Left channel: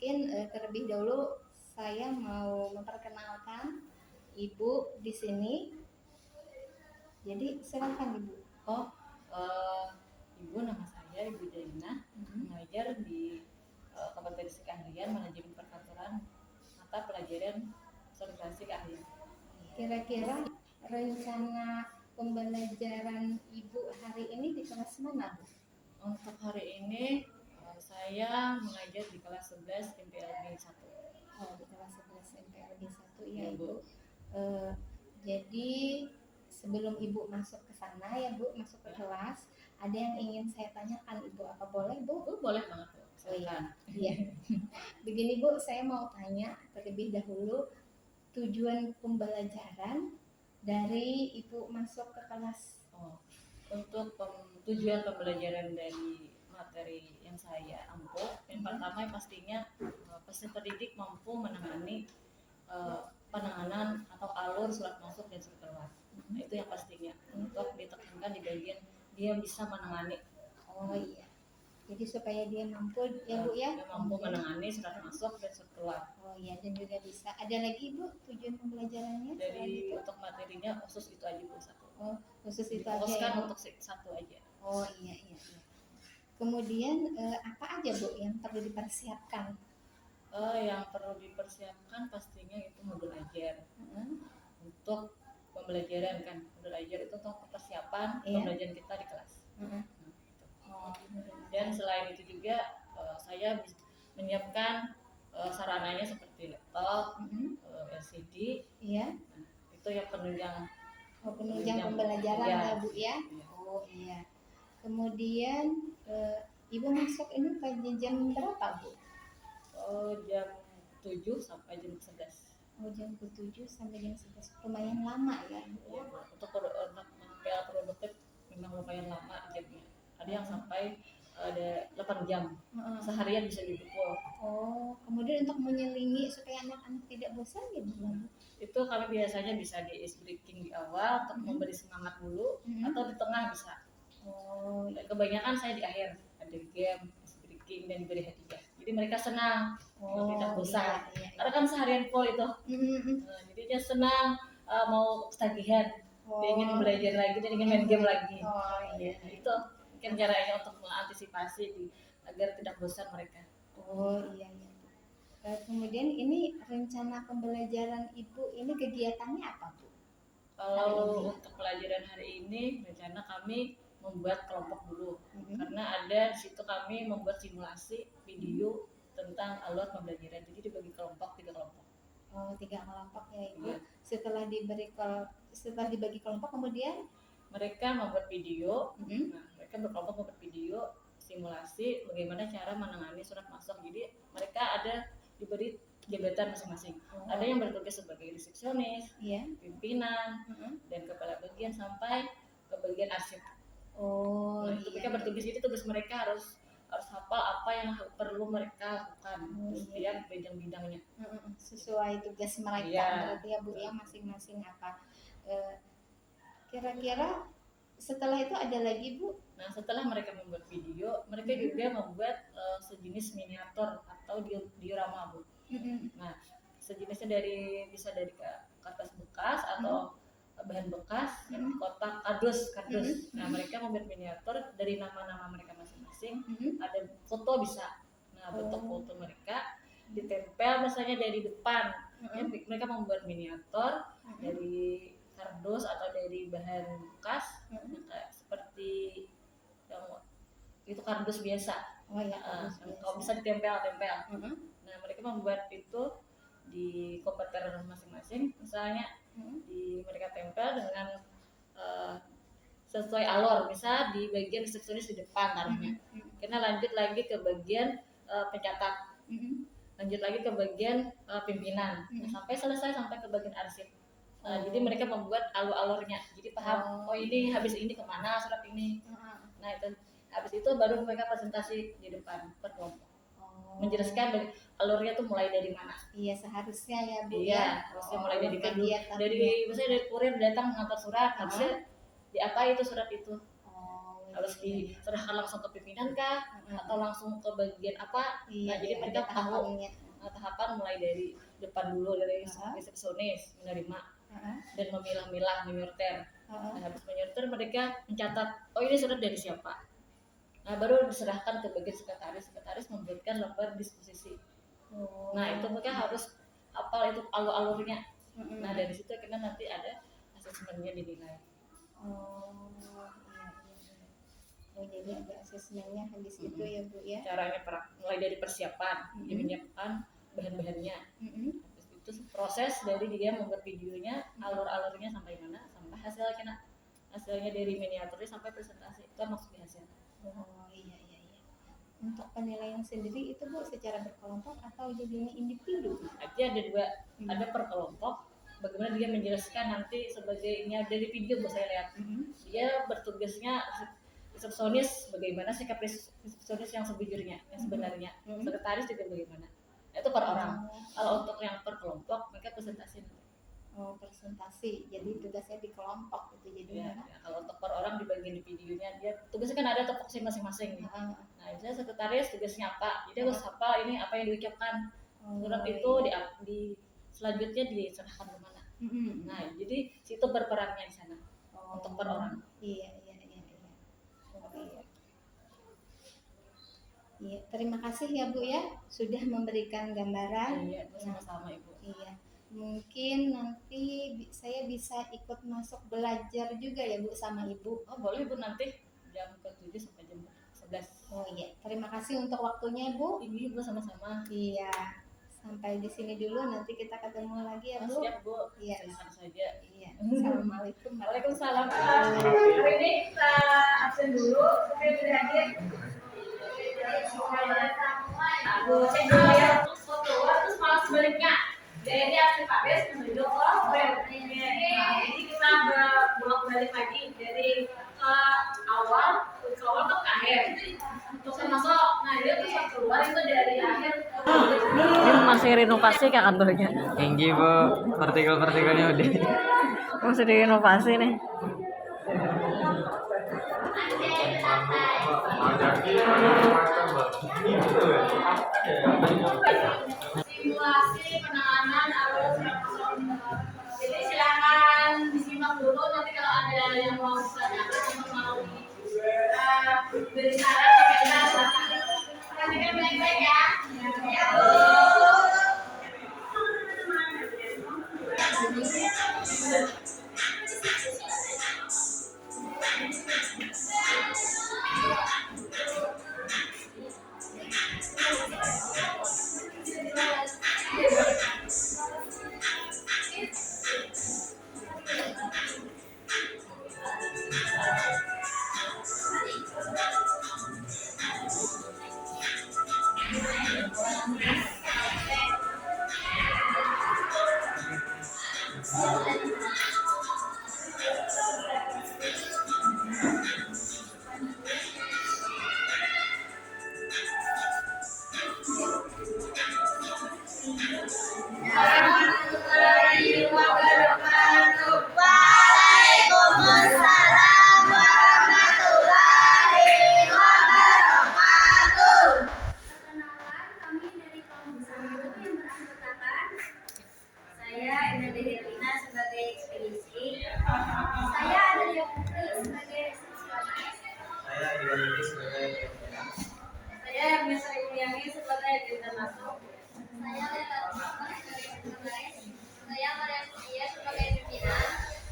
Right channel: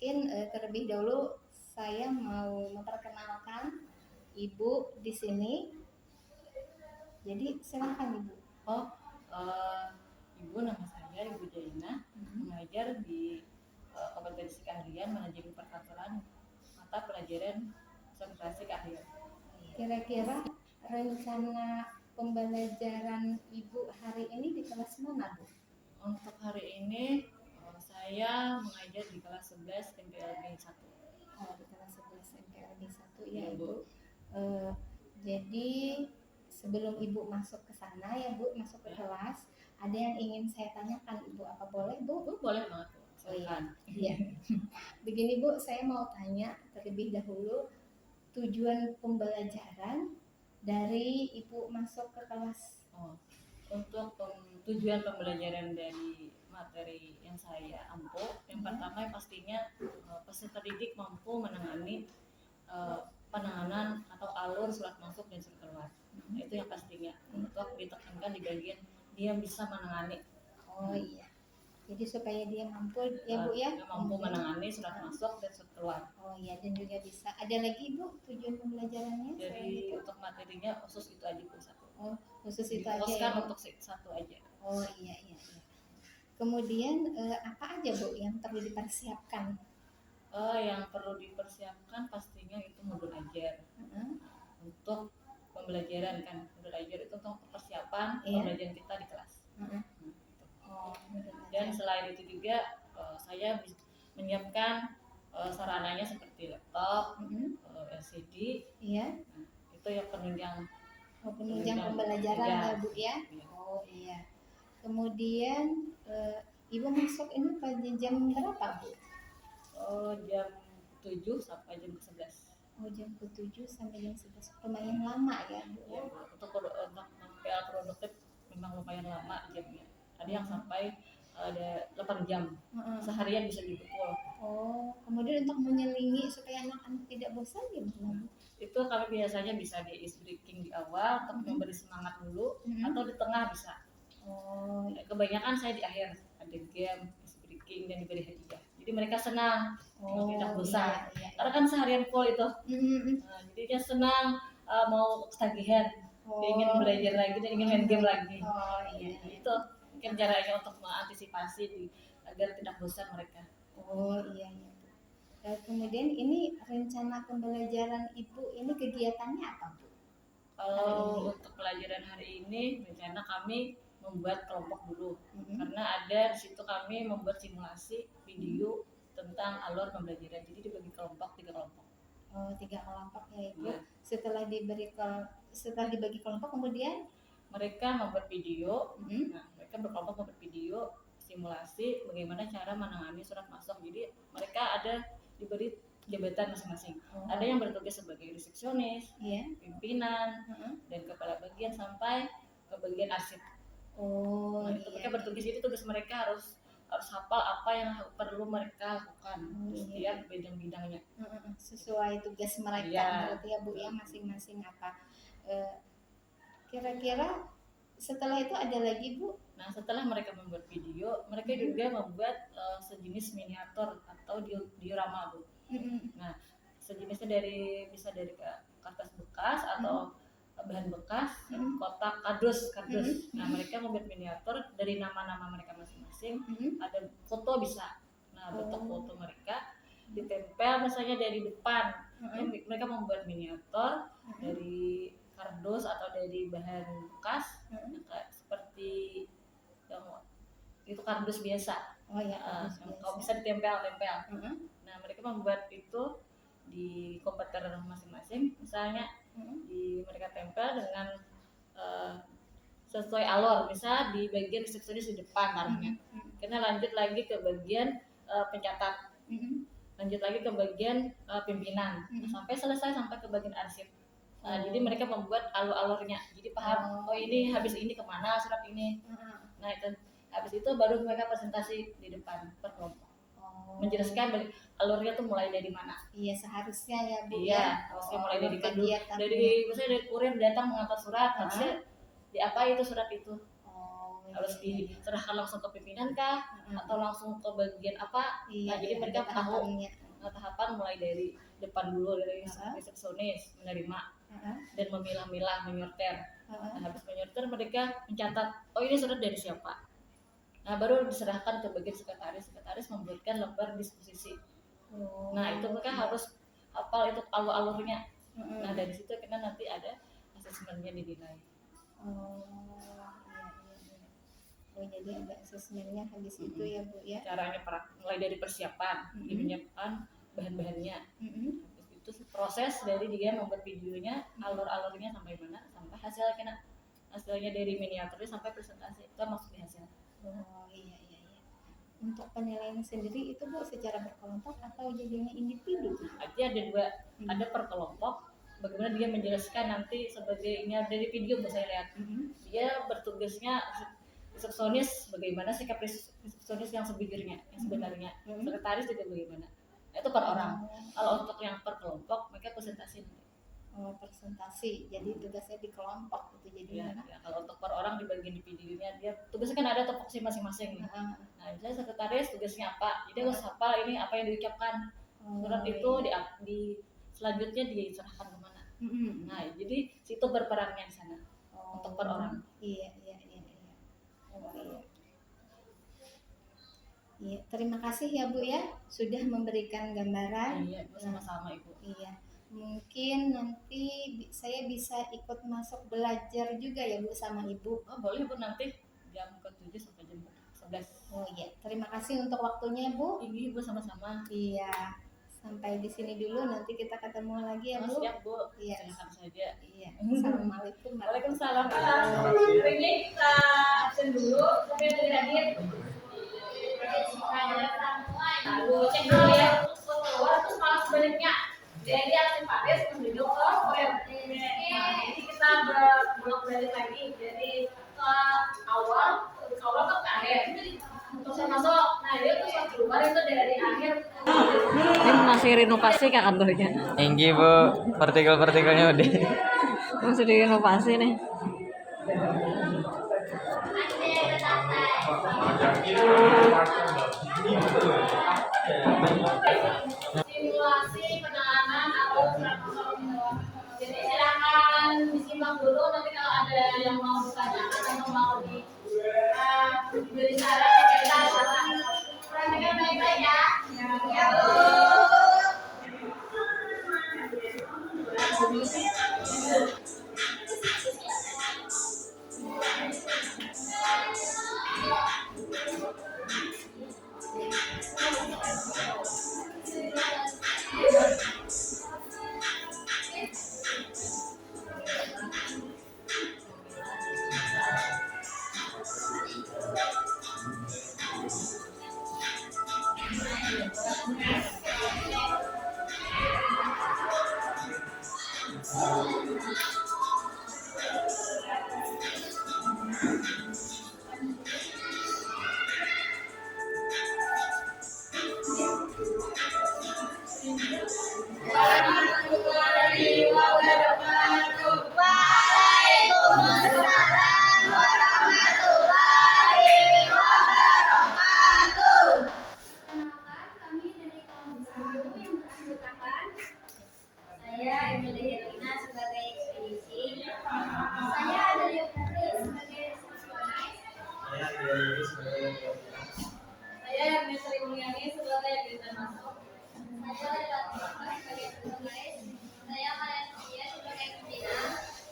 Mungkin terlebih dahulu saya mau memperkenalkan Ibu di sini. Jadi silahkan Ibu. Oh, eh, Ibu, nama saya Ibu Daina, mengajar di kompetensi keahlian manajemen perkantoran mata pelajaran konsentrasi keahlian. Kira-kira rencana pembelajaran Ibu hari ini di kelas mana, Bu? Untuk hari ini saya mengajar di kelas 11 MPLB 1. Oh, di kelas 11 MPLB 1 ya, Iya, Ibu. Jadi sebelum Ibu masuk ke sana ya, Bu, masuk ke kelas, ada yang ingin saya tanyakan Ibu, apa boleh, Bu? Boleh banget, Bu. Oh iya. Silakan. Iya. Begini Bu, saya mau tanya terlebih dahulu tujuan pembelajaran dari Ibu masuk ke kelas. Untuk tujuan pembelajaran dari materi yang saya ampuh, yang pertama pastinya peserta didik mampu menangani penanganan atau alur surat masuk dan surat keluar. Itu yang pastinya untuk ditekankan di bagian dia bisa menangani. Oh iya. Jadi supaya dia mampu ya Bu ya. Dia mampu menangani surat masuk dan surat keluar. Oh iya, dan juga bisa. Ada lagi Bu tujuan pembelajarannya? Jadi untuk materinya khusus itu aja Bu, satu. Oh, khusus itu aja ya. Untuk satu aja. Oh iya. Kemudian apa aja Bu yang perlu dipersiapkan? Yang perlu dipersiapkan pastinya itu modul ajar. Untuk pembelajaran kan, modul ajar itu untuk persiapan pembelajaran kita di kelas. Dan selain itu juga saya menyiapkan sarananya seperti laptop, LCD. Nah, itu yang penunjang pembelajaran ya Bu ya. Oh iya. Kemudian Ibu masuk ini pada jam berapa Bu? Jam 7 sampai jam 11. Oh, jam 7 sampai jam 11. Lumayan lama ya Bu ya. Untuk PA produktif memang lumayan lama jamnya. Ada yang sampai ada 8 jam. Seharian bisa dipukul. Oh, kemudian untuk menyelingi supaya anak-anak tidak bosan ya Bu? Itu kami biasanya bisa di ice breaking di awal untuk memberi semangat dulu, atau di tengah bisa. Oh, kebanyakan saya di akhir ada game, ice breaking dan diberi hadiah. Jadi mereka senang, tidak bosan. Iya. Karena kan seharian full itu. Jadi dia senang, mau ketagihan, dia ingin belajar lagi, dia ingin main game lagi. Oh iya. Itu mungkin caranya untuk mengantisipasi agar tidak bosan mereka. Oh iya. Kemudian ini rencana pembelajaran Ibu ini kegiatannya apa Bu? Kalau untuk pelajaran hari ini rencana kami membuat kelompok dulu, karena ada di situ kami membuat simulasi video tentang alur pembelajaran. Jadi dibagi kelompok 3 kelompok. Oh, 3 kelompok ya Ibu. Ya. Setelah dibagi kelompok kemudian mereka membuat video. Nah, mereka berkelompok membuat video simulasi bagaimana cara menangani surat masuk. Jadi mereka ada diberi jabatan masing-masing. Ada yang bertugas sebagai resepsionis, pimpinan, dan kepala bagian sampai ke bagian arsip. Nah, mereka bertugas itu, tugas mereka harus hafal apa yang perlu mereka lakukan setiap bidang-bidangnya. Sesuai tugas mereka, berarti ya Bu ya, masing-masing apa. Kira-kira setelah itu ada lagi Bu? Nah, setelah mereka membuat video, mereka juga membuat sejenis miniatur atau diorama Bu. Nah, sejenisnya bisa dari kertas bekas atau bahan bekas, kotak, kardus. Nah, mereka membuat miniatur dari nama-nama mereka masing-masing. Ada foto bisa. Nah, bentuk foto mereka ditempel misalnya dari depan. Mereka membuat miniatur dari kardus atau dari bahan bekas, seperti yang itu kardus biasa. Kalau bisa ditempel. Nah, mereka membuat itu di komputer masing-masing, misalnya mereka tempel dengan sesuai alur, bisa di bagian resepsionis di depan taruhnya. Kita lanjut lagi ke bagian pencatat, lanjut lagi ke bagian pimpinan, sampai selesai sampai ke bagian arsip. Jadi mereka membuat alur-alurnya, jadi paham ini habis ini kemana surat ini. Nah, itu habis itu baru mereka presentasi di depan per kelompok, menjelaskan dari alurnya tuh mulai dari mana. Iya, seharusnya ya Bu. Iya, harusnya mulai dari misalnya dari kurir datang mengantar surat, harusnya di apa itu surat itu. harus diserahkan langsung ke pimpinan kah atau langsung ke bagian apa. Iya, Nah jadi iya, mereka ada tahu tahapannya. tahapan mulai dari depan dulu, dari resepsionis menerima dan memilah-milah, menyortir. Nah, habis menyortir mereka mencatat, oh ini surat dari siapa. Nah baru diserahkan ke bagian sekretaris memberikan lembar disposisi. Nah itu mereka harus hafal itu alur-alurnya. Nah dari situ kita nanti ada asesmennya dinilai. Oh jadi ada asesmennya habis itu ya Bu ya. Caranya mulai dari persiapan, dia menyiapkan bahan-bahannya. Itu proses dari dia membuat videonya, alur-alurnya sampai mana, sampai hasilnya dari miniaturnya sampai presentasi itu maksud hasil. Oh iya. Untuk penilaian sendiri itu Bu secara berkelompok atau jadinya individu? Artinya ada dua, ada per kelompok. Bagaimana dia menjelaskan nanti sebagainya dari video Bu saya lihat. Dia bertugasnya resepsionis, bagaimana sikap resepsionis yang sebenarnya, sekretaris juga bagaimana. Itu per orang. Kalau untuk yang per kelompok mereka presentasi. Presentasi, jadi tugasnya di kelompok itu jadi ya, kalau untuk per orang di bagian di videonya dia tugasnya kan ada topoksi masing-masing nih. Nah misalnya sekretaris tugasnya apa, jadi harus apa ini apa yang diucapkan surat itu di selanjutnya diserahkan kemana. Nah jadi situ berperannya di sana untuk per orang. Iya, terima kasih ya Bu ya sudah memberikan gambaran. Iya, sama-sama Ibu. Iya, mungkin nanti saya bisa ikut masuk belajar juga ya Bu sama Ibu. Oh boleh Bu, nanti jam ke-7 sampai jam 11. Oh iya, terima kasih untuk waktunya Bu. Ini Bu sama-sama. Iya, sampai di sini dulu, nanti kita ketemu lagi ya Bu. Siap Bu, iya. silakan saja. Iya, Assalamualaikum. Waalaikumsalam. Hari ini kita absen dulu, sampai tidak hadir. Cek dulu ya, terus malah sebaliknya. Jadi absen Pak Des menuju ke jadi kita bolak-balik lagi dari ke awal ke akhir. Untuk saya masuk, nah dia terus keluar itu dari akhir. Ini masih renovasi kah kantornya? Tinggi Bu, partikel-partikelnya udah. Masih direnovasi nih. Simulasi penanganan alur surat masuk. Jadi silakan disimak dulu, nanti kalau ada yang mau ditanyakan atau mau diberi saran perhatikan baik-baik ya. Ya Bu.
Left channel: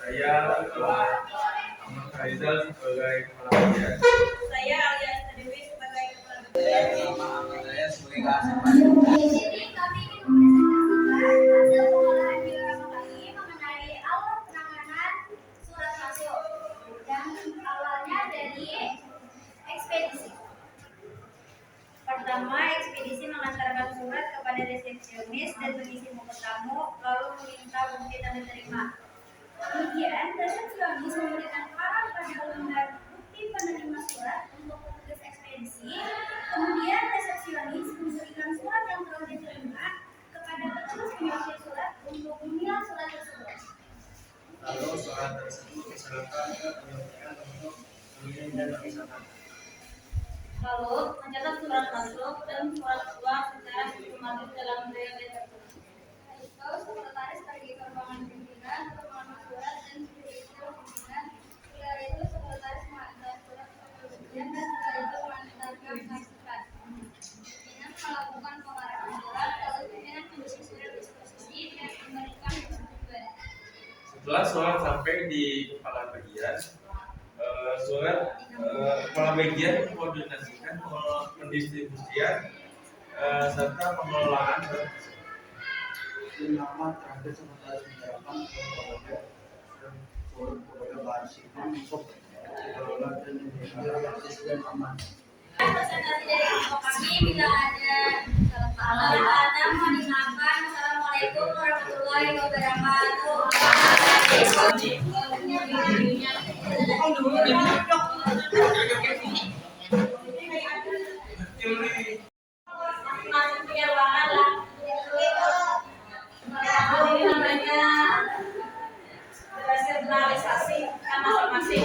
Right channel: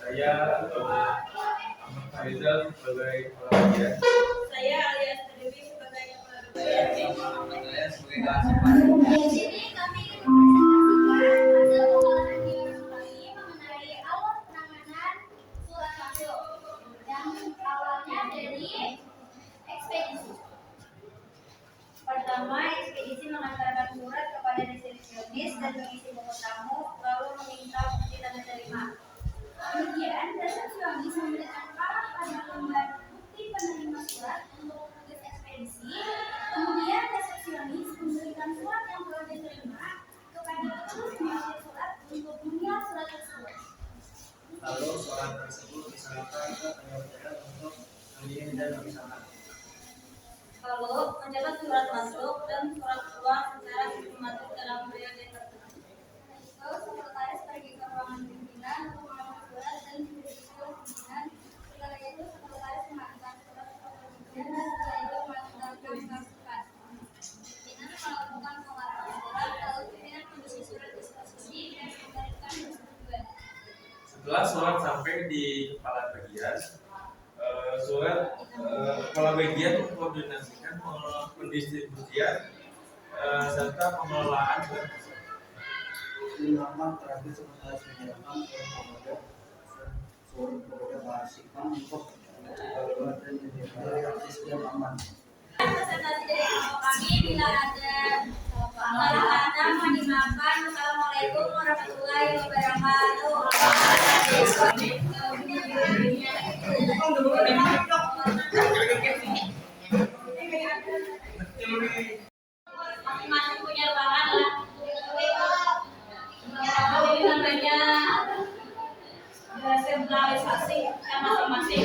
Saya Ahmad Faizal sebagai kepala bagian. Saya Alias Dewi sebagai kepala bagian. Saya Ahmad Daya sebagai kasih. Jadi kami mempresentasikan hasil pengolahan biorenovasi mengenai alur penanganan surat masuk yang awalnya dari ekspedisi. Pertama, ekspedisi mengantarkan surat kepada resepsionis dan mengisi buku tamu, lalu meminta bukti tanda terima. Kemudian, resepsionis memberikan syarat pada lembar bukti penerima surat untuk petugas ekspedisi. Kemudian, resepsionis memberikan surat yang perlu Itu sekretaris pergi ke ruangan pimpinan untuk mengambil surat dan berisi pimpinan. Setelah itu sekretaris mengantar surat kepada ujian dan setelah itu mengantarkan masukan. Pimpinan melakukan pengarahan surat, lalu pimpinan mengisi surat disposisi dan memberikan persetujuan. Setelah surat sampai di kepala bagian, kepala bagian mengkoordinasikan pendistribusian serta pengelolaan surat tersebut. Nama terakhir sekretaris menyerahkan surat kepada Basikam untuk daulat dan gratis dan aman. Presentasi dari kelompok kami bila ada salah kata mohon dimaafkan. Wassalamualaikum warahmatullahi wabarakatuh. Masing-masing punya ruangan lah. Ini namanya sentralisasi kan masing-masing.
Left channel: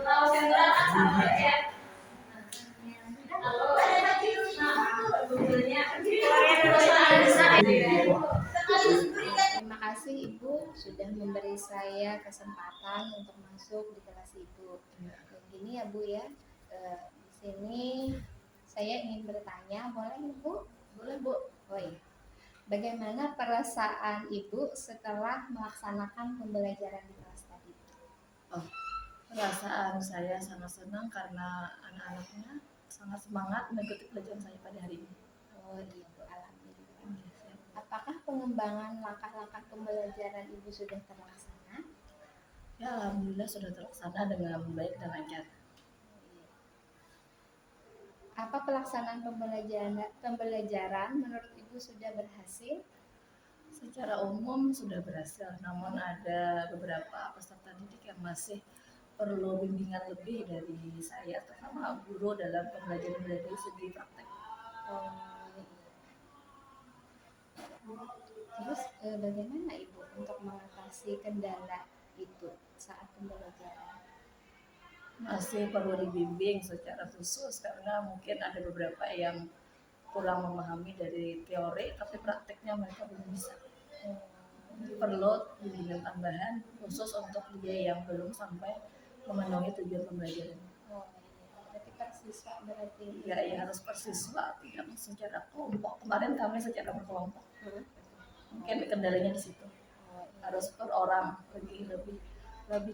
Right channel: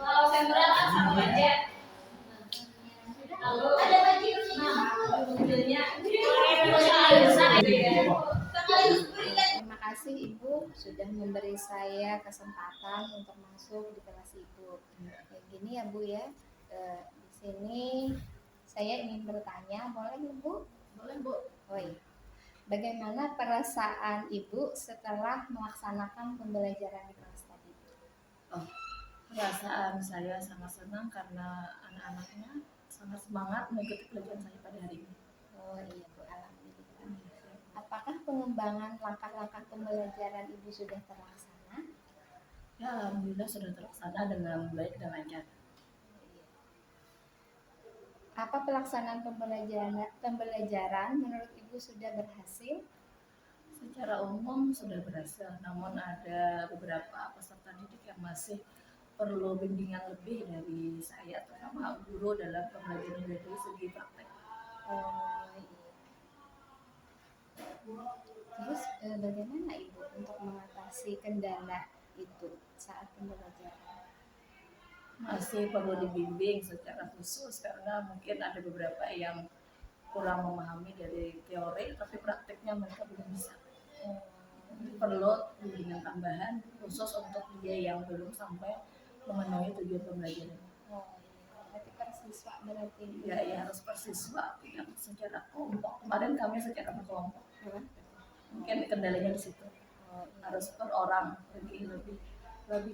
Kalau sentral kan sama aja. Lalu Google-nya Terima kasih Ibu sudah memberi saya kesempatan untuk masuk di kelas Ibu. Kayak gini ya Bu ya. Di sini saya ingin bertanya, boleh Ibu? Boleh Bu. Oh iya. Bagaimana perasaan Ibu setelah melaksanakan pembelajaran di kelas tadi? Perasaan saya sangat senang karena anak-anaknya sangat semangat mengikuti pelajaran saya pada hari ini. Oh iya Bu, alhamdulillah. Apakah pengembangan langkah-langkah pembelajaran Ibu sudah terlaksana? Ya, alhamdulillah sudah terlaksana dengan baik dan lancar. Apa pelaksanaan pembelajaran menurut Ibu sudah berhasil? Secara umum sudah berhasil, namun ada beberapa peserta didik yang masih perlu bimbingan lebih dari saya, terutama guru dalam pembelajaran dari segi praktek. Oh, iya. Terus bagaimana Ibu untuk mengatasi kendala itu saat pembelajaran? Masih perlu dibimbing secara khusus karena mungkin ada beberapa yang kurang memahami dari teori, tapi prakteknya mereka belum bisa. Jadi perlu bimbingan tambahan khusus untuk dia yang belum sampai memenuhi tujuan pembelajaran. Oh, iya. Berarti persiswa berarti. Ya harus persiswa yang secara kelompok. Kemarin kami secara berkelompok. Mungkin kendalanya di situ. Oh, iya. Harus per orang lebih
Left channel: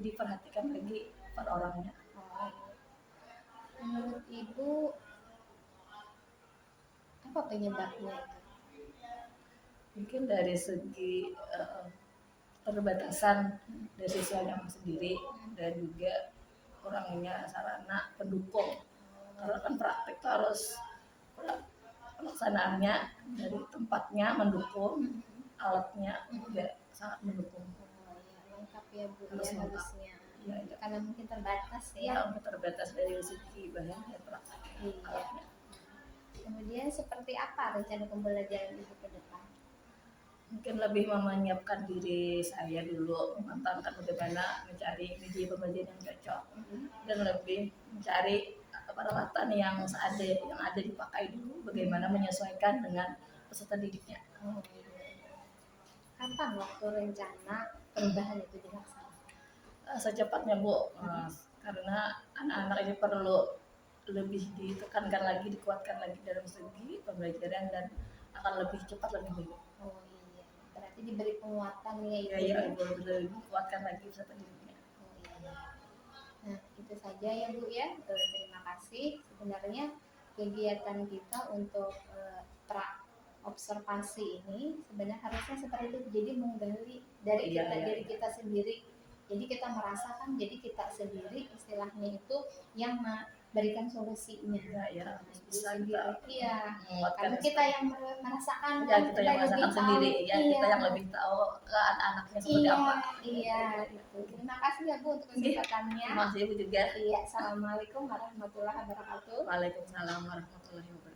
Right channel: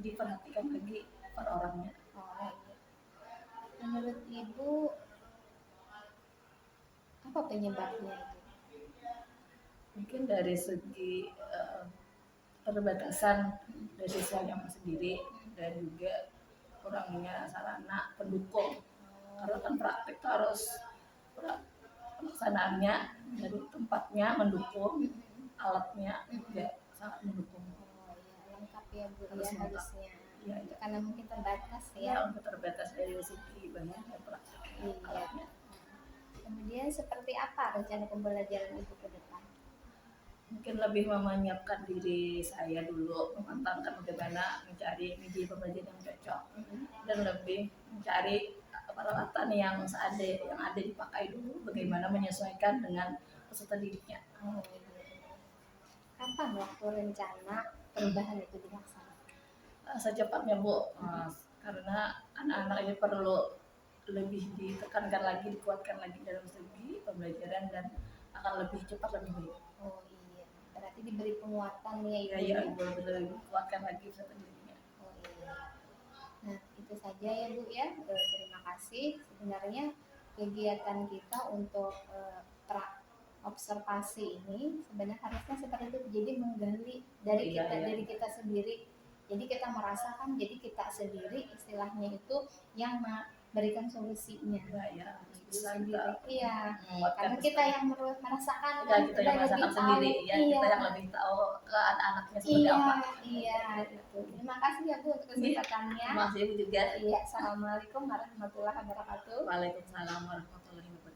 diperhatikan lagi per orangnya. Oh, iya. Menurut Ibu apa penyebabnya? Mungkin dari segi perbatasan dari saya sendiri dan juga kurangnya sarana pendukung. Karena kan praktik itu harus pelaksanaannya dari tempatnya mendukung, alatnya juga sangat mendukung. Oh, iya, lengkap ya Bu Harus ya lengkap. harusnya. Iya. Itu karena mungkin terbatas Ya, ya. untuk terbatas dari segi bahan dan pelaksanaan Iya. alatnya. Kemudian seperti apa rencana pembelajaran Ibu ke depan? Mungkin lebih menyiapkan diri saya dulu, memantapkan bagaimana mencari media pembelajaran yang cocok dan lebih mencari peralatan yang ada dipakai dulu, bagaimana menyesuaikan dengan peserta didiknya. Oh, iya. Kapan waktu rencana perubahan itu dilaksanakan? Secepatnya Bu, karena anak-anak ini perlu lebih ditekankan lagi, dikuatkan lagi dalam segi pembelajaran dan akan lebih cepat lebih baik. Oh iya, berarti diberi penguatan ya Ibu. Ya, lebih dikuatkan lagi peserta didiknya. Oh iya. Nah, itu saja ya Bu ya. Terima kasih. Sebenarnya kegiatan kita untuk observasi ini sebenarnya harusnya seperti itu. Jadi menggali dari diri kita sendiri. Jadi kita merasakan, jadi kita sendiri istilahnya itu yang memberikan solusinya. Ya, bisa Sendiri. kita Iya. menguatkan. Karena kita yang merasakan, Ya, kita yang merasakan sendiri, ya kita yang lebih tahu ke anak-anaknya seperti apa. Iya, itu. Terima kasih ya Bu untuk kesempatannya. Terima kasih Bu juga. Iya, assalamualaikum warahmatullahi wabarakatuh. Waalaikumsalam warahmatullahi wabarakatuh.